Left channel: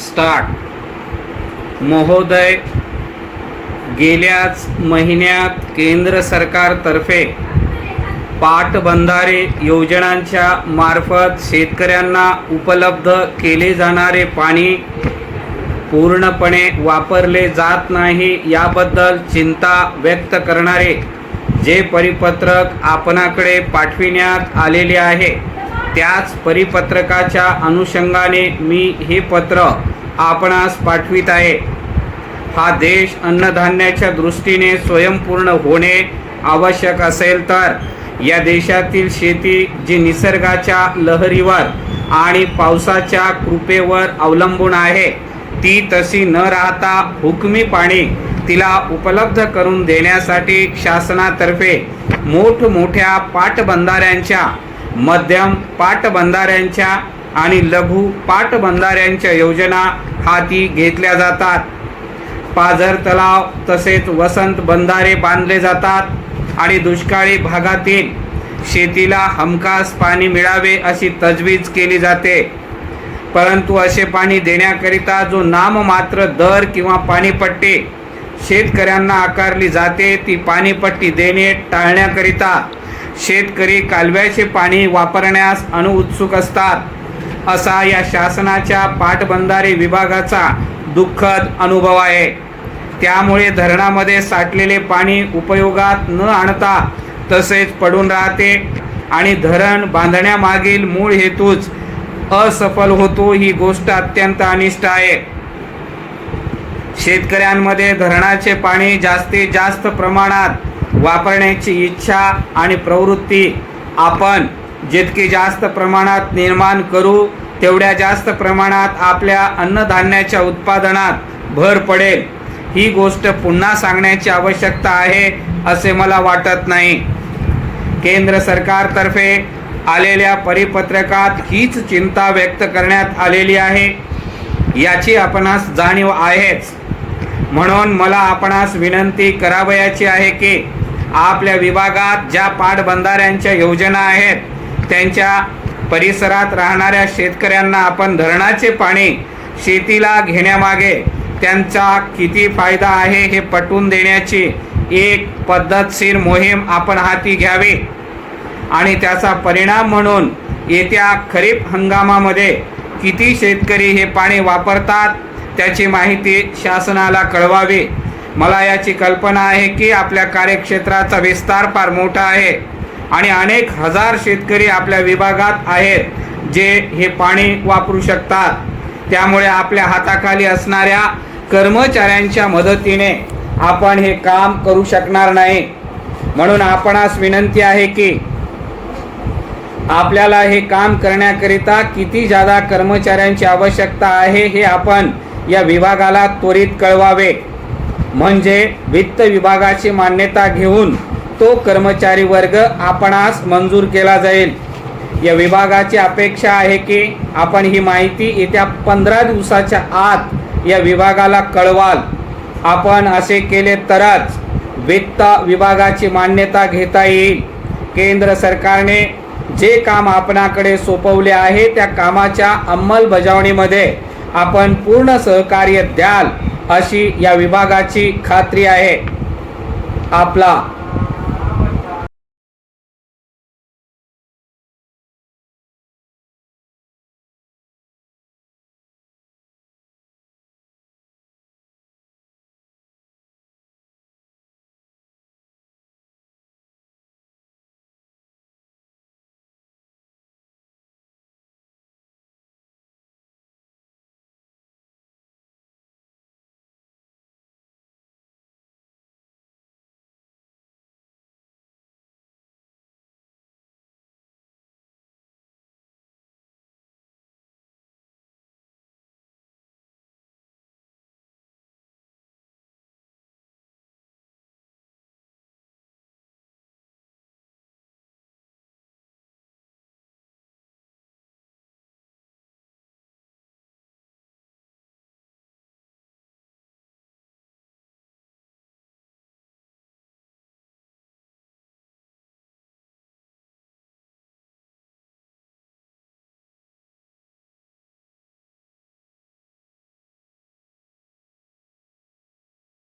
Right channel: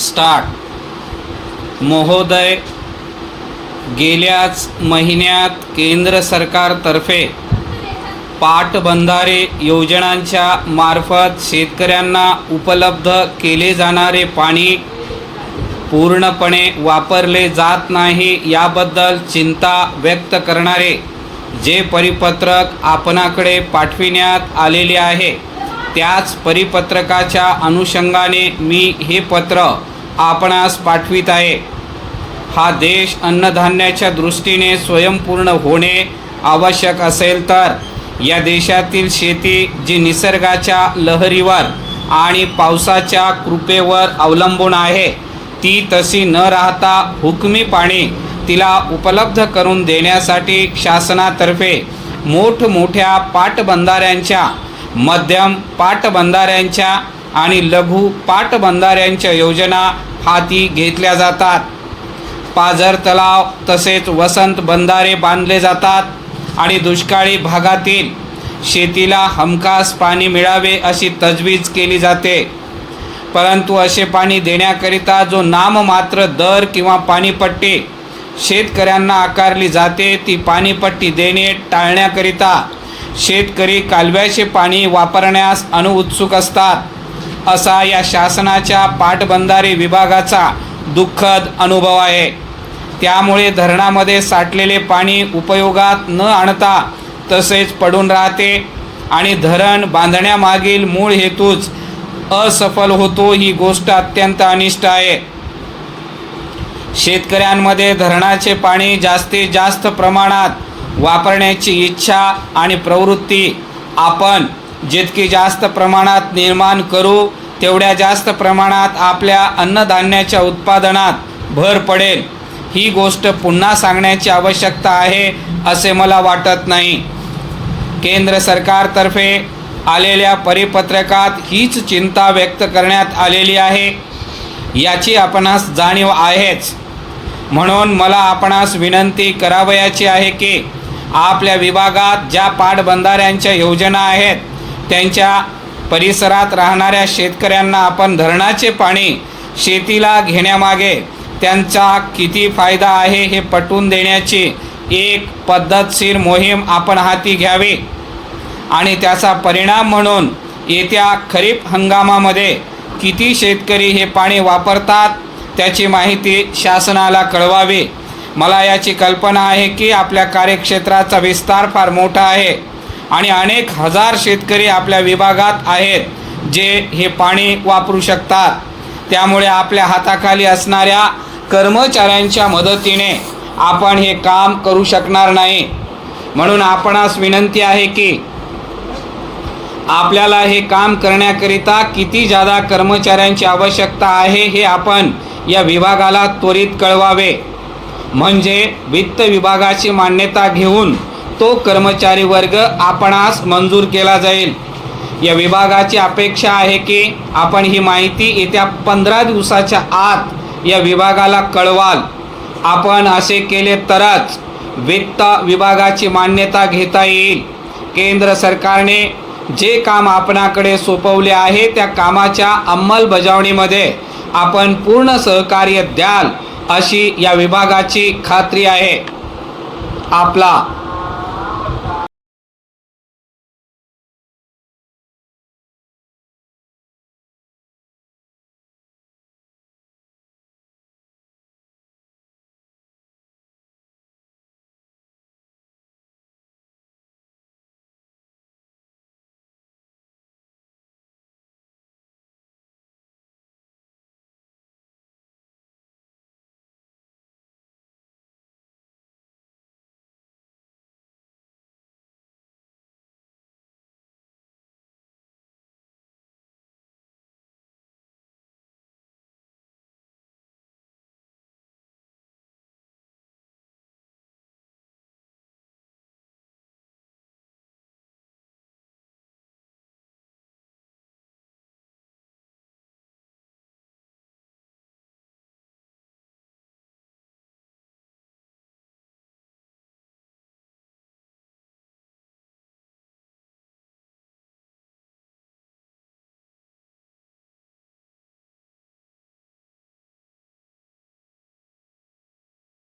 Start महोदय, गेल्याच महिन्यात केंद्र सरकारतर्फे पाटबंधारे योजनांच्या मार्फत शेतकऱ्यांना उपलब्ध केले जाणारे पाणी पूर्णपणे वापरले जात नाही याबद्दल चिंता व्यक्त करणारे जे परिपत्रक आपणाकडे पाठविण्यात आलेले आहे, त्याच परिपत्रकाच्या अनुषंगाने मी हे पत्र आपणास पाठवित आहे। हा देश अन्नधान्याच्या दृष्टीने स्वयंपूर्ण होणे आवश्यक असेल तर या देशातील शेती जी निसर्गाच्या लहरीवर आणि पावसाच्या कृपेवर अवलंबून आहे, ती तशी न राहता हुकमी पाणी तिला उपलब्ध करून देण्यासाठी शासनातर्फे मोठमोठ्या पाटबंधाऱ्यांच्या, मध्यम पाटबंधाऱ्यांच्या आणि लघु पाटबंधाऱ्यांच्या योजना हाती घेतल्या जातात। पाझर तलाव तसेच वसंत बंधारे बांधले जातात आणि दुष्काळी भागातील शेतीला हमखास पाणी मिळावे अशी तजवीज केली जाते। परंतु असे पाणी देण्याकरिता जो नाममात्र दर किंवा पाणीपट्टी शेतकऱ्यांना आकारली जाते, ती पाणीपट्टी देणे टाळण्याकरिता शेतकरी कालव्याचे पाणी वापरण्यास अनुत्सुक असतात, असा या शासनाच्या पाटबंधारे विभागाचा दुःखद अनुभव आहे। त्यामुळे धरणामध्ये साठलेले पाणी उपयोगात न आणता तसेच पडून राहते आणि धरण बांधण्यामागील मूळ हेतूच असफल होतो। ही गोष्ट अत्यंत अनिष्ट आहे। शेतकऱ्यांमध्ये धरणाचे पाणी जास्तीत जास्त प्रमाणात वापरण्याची इच्छा आणि प्रवृत्ती आपण जितकी जास्त प्रमाणात निर्माण करू, तेवढ्या जास्त प्रमाणात आपल्या अन्नधान्याच्या उत्पादनात भर पडेल। ही गोष्ट पुन्हा सांगण्याची आवश्यकता आहे असे मला वाटत नाही। केंद्र सरकारतर्फे आलेल्या परिपत्रकात हीच चिंता व्यक्त करण्यात आलेली आहे, याची आपणास जाणीव आहेच। म्हणून मला आपणास विनंती करावयाची आहे की आपल्या विभागात ज्या पाटबंधाऱ्यांच्या योजना आहेत, त्यांच्या परिसरात राहणाऱ्या शेतकऱ्यांना आपण धरणाचे पाणी शेतीला घेण्यामागे त्यांचा किती फायदा आहे हे पटवून देण्याची एक पद्धतशीर मोहीम आपण हाती घ्यावी आणि त्याचा परिणाम म्हणून येत्या खरीप हंगामामध्ये किती शेतकरी हे पाणी वापरतात त्याची माहिती शासनाला कळवावी। मला याची कल्पना आहे की आपल्या कार्यक्षेत्राचा विस्तार फार मोठा आहे आणि अनेक हजार शेतकरी आपल्या विभागात आहेत जे हे पाणी वापरू शकतात। त्यामुळे आपल्या हाताखाली असणाऱ्या कर्मचाऱ्यांच्या मदतीने आपण हे काम करू शकणार नाही। म्हणून आपणास विनंती आहे की आपल्याला हे काम करण्याकरिता किती जादा कर्मचाऱ्यांची आवश्यकता आहे हे आपण या विभागाला त्वरित कळवावे, म्हणजे वित्त विभागाची मान्यता घेऊन तो कर्मचारी वर्ग आपणास मंजूर केला जाईल। या विभागाची अपेक्षा आहे की आपण ही माहिती येत्या 15 दिवसाच्या आत या विभागाला कळवाल। आपण असे केले तरच वित्त विभागाची मान्यता घेता येईल। केंद्र सरकारने जे काम आपणाकडे सोपवले आहे त्या कामाच्या अंमलबजावणीमध्ये आपण पूर्ण सहकार्य द्याल अशी या विभागाची खात्री आहे। आपला